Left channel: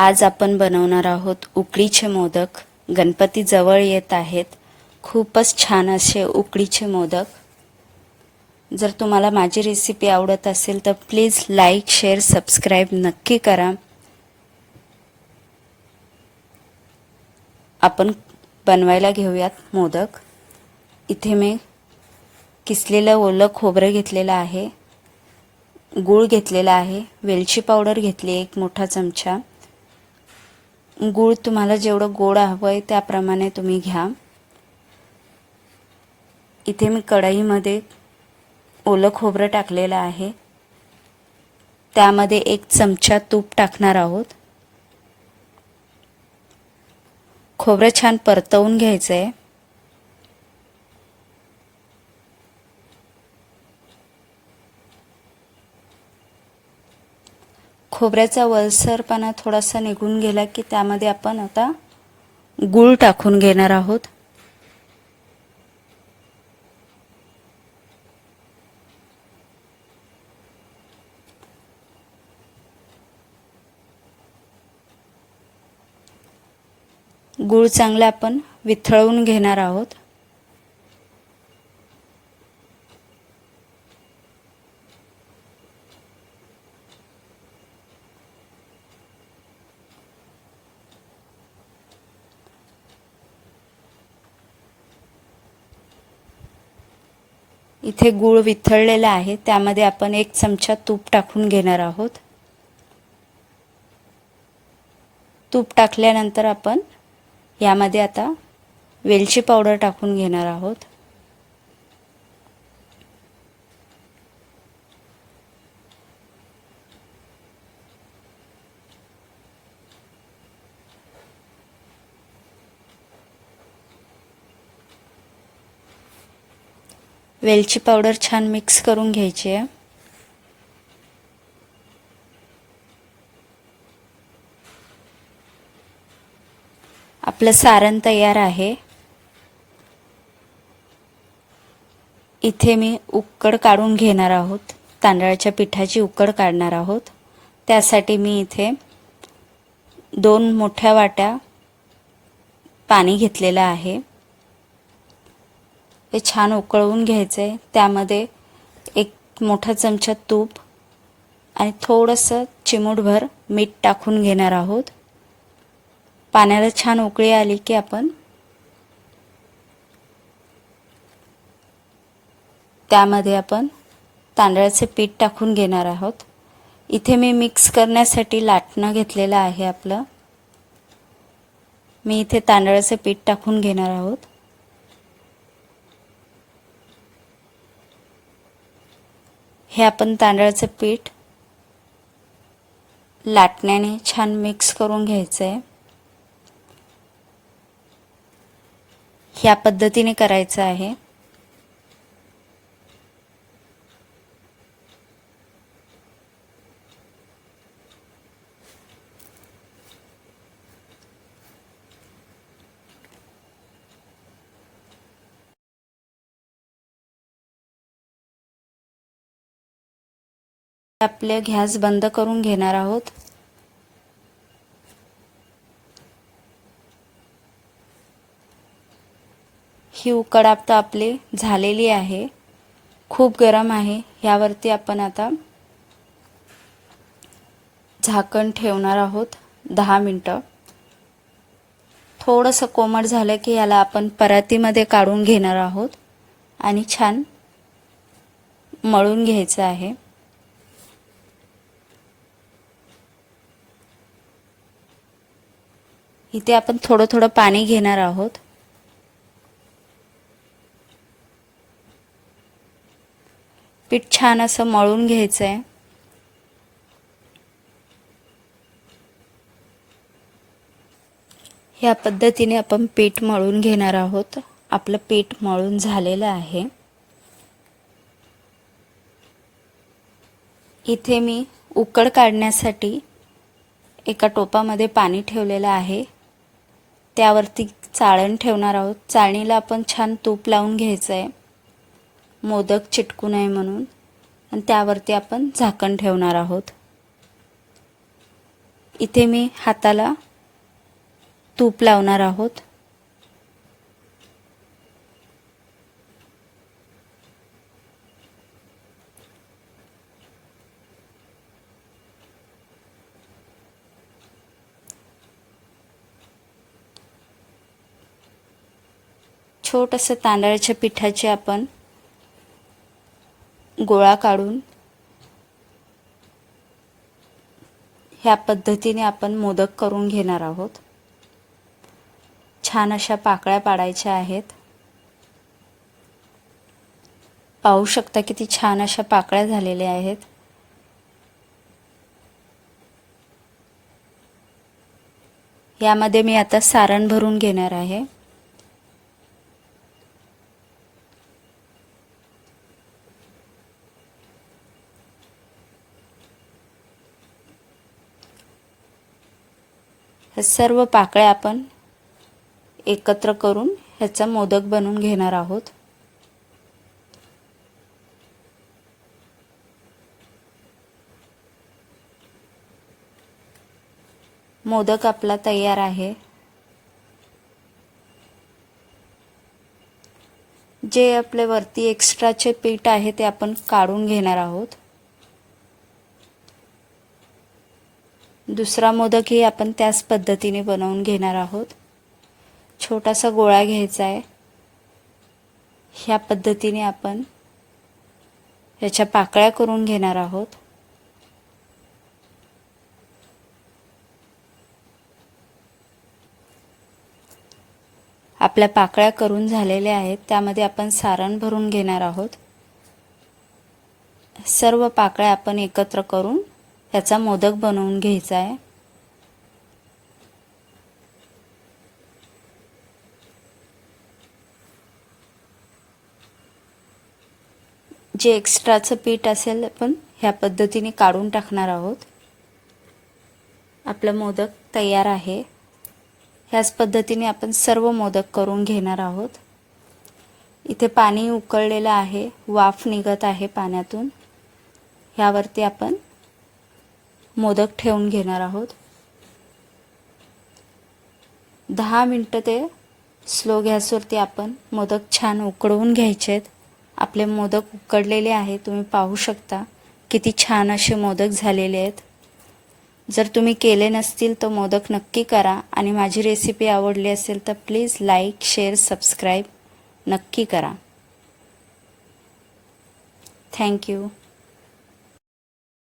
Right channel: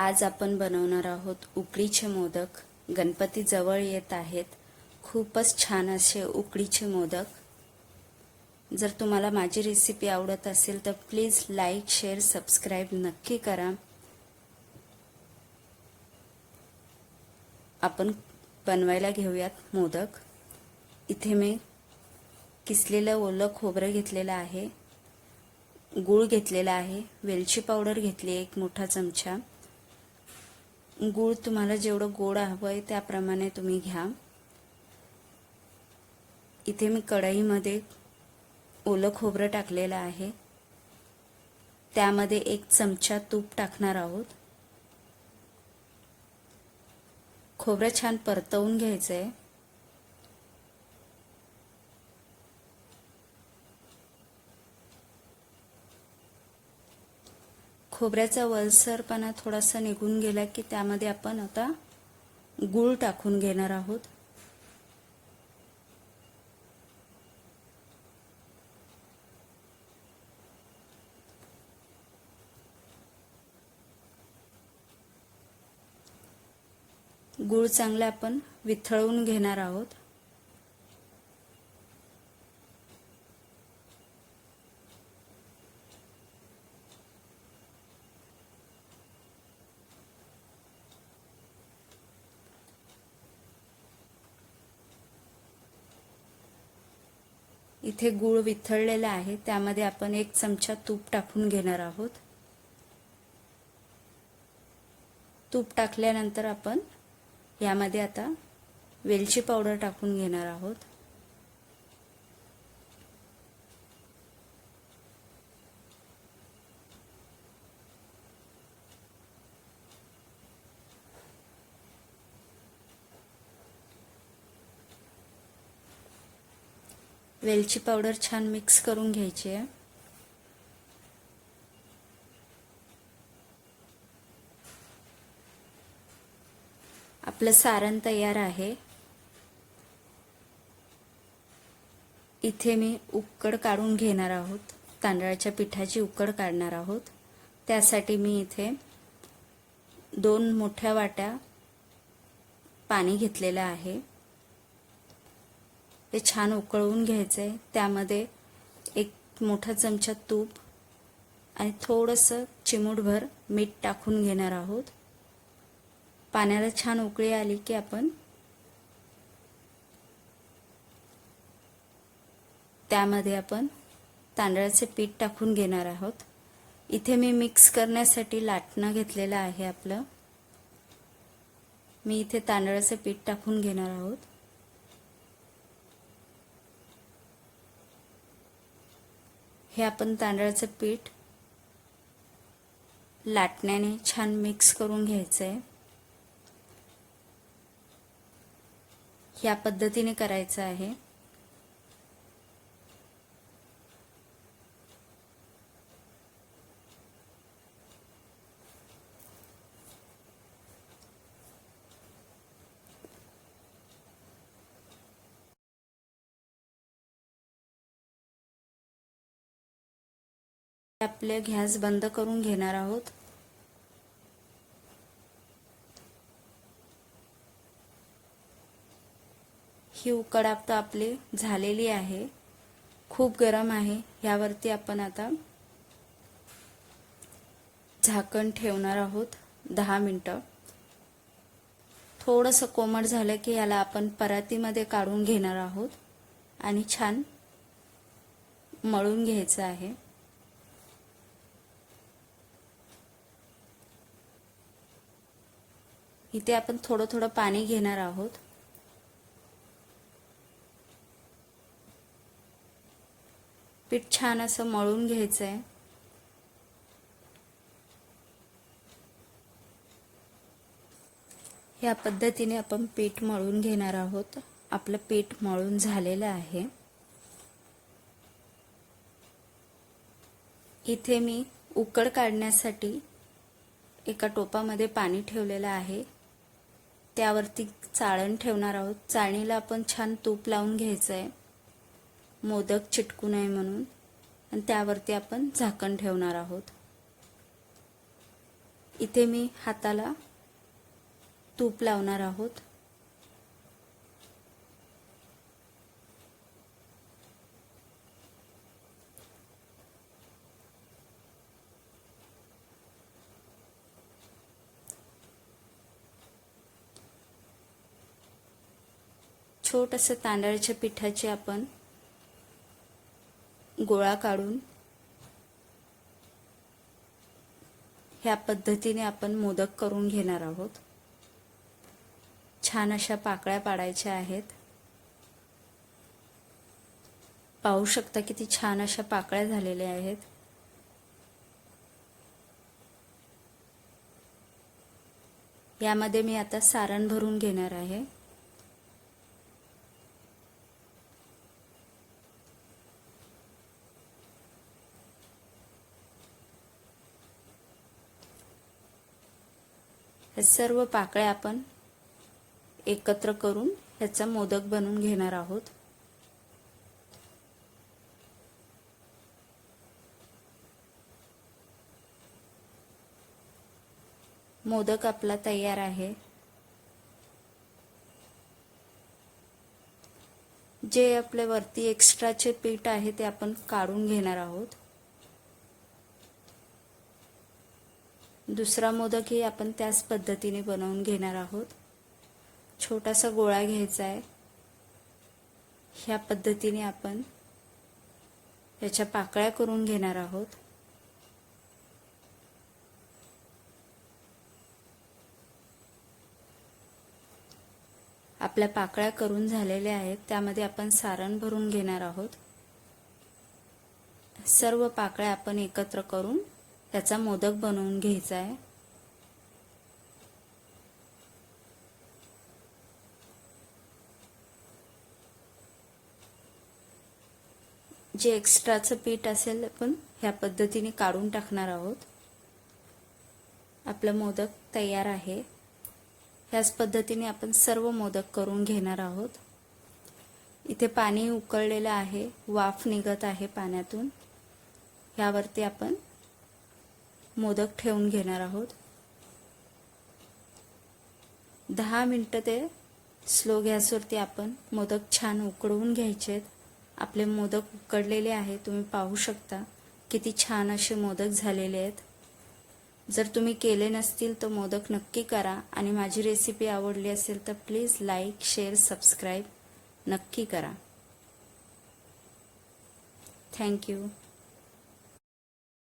आज आपण बनवणार आहोत उकडीचे मोदक. गणपती जवळ येत आहेत. खूपच छान असे उकडीचे मोदक. जर तुम्हाला माझी रेसिपी आवडत असेल तर प्लीज लाईक शेअर सबस्क्राईब नक्की करा. आपण बनवायला घेऊयात मोदक. इथे मी किसलेलं ओलं खोबरं घेतलेलं आहे. गूळ घेतलेला आहे. वेलची पावडर घेतली एक मोठा चमचा. गूळ तुम्हाला जेवढं गोड हवं आहे त्याप्रमाणे तुम्ही घ्या. इथे मी कढईमध्ये ओलं खोबरं टाकलेलं आहे. त्यामध्ये एक चमचा तूप टाकणार आहोत. खोबरं छान परतवून घ्यायचं आहे खोबऱ्याचा वलसरपणा थोडासा निघून गेला की त्यामध्ये आपण आता गूळ टाकून घेणार आहोत. गूळ चांगला आपण विथळवून घेणार आहोत. इथे गूळ विथळलेला आहे त्यामध्ये आपण एक चमचा तूप टाकून घेणार आहोत. तूप टाकल्यानंतर आपण यामध्ये आता वेलची पावडर टाकून घेणार आहोत. वेलची पावडर छान मिक्स करून घ्यायची आहे. आपलं सारण तयार आहे. इथे मी उकड काढून घेणार आहोत. तांदळाच्या पिठाची उकड काढणार आहोत. त्यासाठी मी इथे दोन मोठ्या वाट्या पाणी घेतलेलं आहे. हे छान उकळवून घ्यायचं आहे त्यामध्ये एक मोठा चमचा तूप आणि थोडंसं चिमूटभर मीठ टाकून घेणार आहोत. पाण्याला छान उकळी आली की आपण त्यामध्ये आपण तांदळाचे पीठ टाकून घेणार आहोत. इथे मी मिक्स करण्यासाठी लाटणं घेतलेलं आहे आपलं. मी इथे तांदळाचं पीठ टाकून घेणार आहोत. हे आपण तांदळाचं पीठ लाटण्याने छान मिक्स करून घ्यायचं आहे ह्या पद्धतीने करायचं आहे. आपले गॅस बंद करून घेणार आहोत. ही उकड आता आपली झालेली आहे. खूप गरम आहे. ह्यावरती आपण आता झाकण ठेवणार आहोत. दहा मिनटं. थोडंसं कोमट झालं की याला आपण परातीमध्ये काढून घेणार आहोत. आणि छान मळून घ्यायचं आहे. इथे आपण थोडं थोडं पाणी घेणार आहोत. पीठ छान असं मळून घ्यायचं आहे ह्या पद्धतीने आपण पीठ मळून घेणार आहोत. आपलं पीठ मळून झालेलं आहे. इथे मी उकड काढण्यासाठी एका टोपामध्ये पाणी ठेवलेलं आहे. त्यावरती चाळण ठेवणार आहोत. चाळणीला आपण छान तूप लावून घ्यायचं आहे मोदक चिटकू नये म्हणून. आणि त्यावरती आपण झाकण ठेवणार आहोत. इथे मी हाताला तूप लावणार आहोत. छोटंसं तांदळाच्या पिठाचे आपण गोळा काढून ह्या पद्धतीने आपण मोदक करून घेणार आहोत. छान अशा पाकळ्या पाडायच्या आहेत. पाहू शकता किती छान अशा पाकळ्या झालेल्या आहेत. यामध्ये मी आता सारण भरून घेणार आहे. सर्व पाकळ्या आपण एकत्र करून ह्याचा मोदक बनवून घेणार आहोत. मोदक आपला तयार आहे. जे आपले वरती एक्स्ट्राचे पीठ आहे ते आपण काढून घेणार आहोत. दुसरा मोदकही आपण त्याच पद्धतीने बनवून घेणार आहोत. छोटासा गोळा घ्यायचा आहे. ह्या पद्धतीने आपण याच्या पाकळ्या करून घेणार आहोत. आपल्या पाकळ्या करून झालेल्या आहेत. त्यामध्ये आपण सारण भरून घेणार आहोत. सर्व पाकळ्या आपण एकत्र करून ह्याचा मोदक बनवून घ्यायचा आहे. जे एक्स्ट्राचं पीठ असेल आपण ह्या पद्धतीने काढून टाकणार आहोत. आपलं मोदक तयार आहे. ह्याच पद्धतीने आपण सर्व मोदक करून घेणार आहोत. इथे पाणी उकळलेलं आहे वाफ निघत आहे पाण्यातून. ह्यावरती आपण मोदक ठेवून घेणार आहोत. दहा मिनटं ते स्लो गॅसवरती आपण मोदक छान उकडवून घ्यायचे आहेत आपले मोदक उकडलेले आहे तुम्ही पाहू शकता किती छान असे मोदक झालेले आहेत. जर तुम्ही केले नसतील तर मोदक नक्की करा आणि माझी रेसिपी आवडली असेल तर प्लीज लाईक शेअर सबस्क्राईब नक्की करा. थँक्यू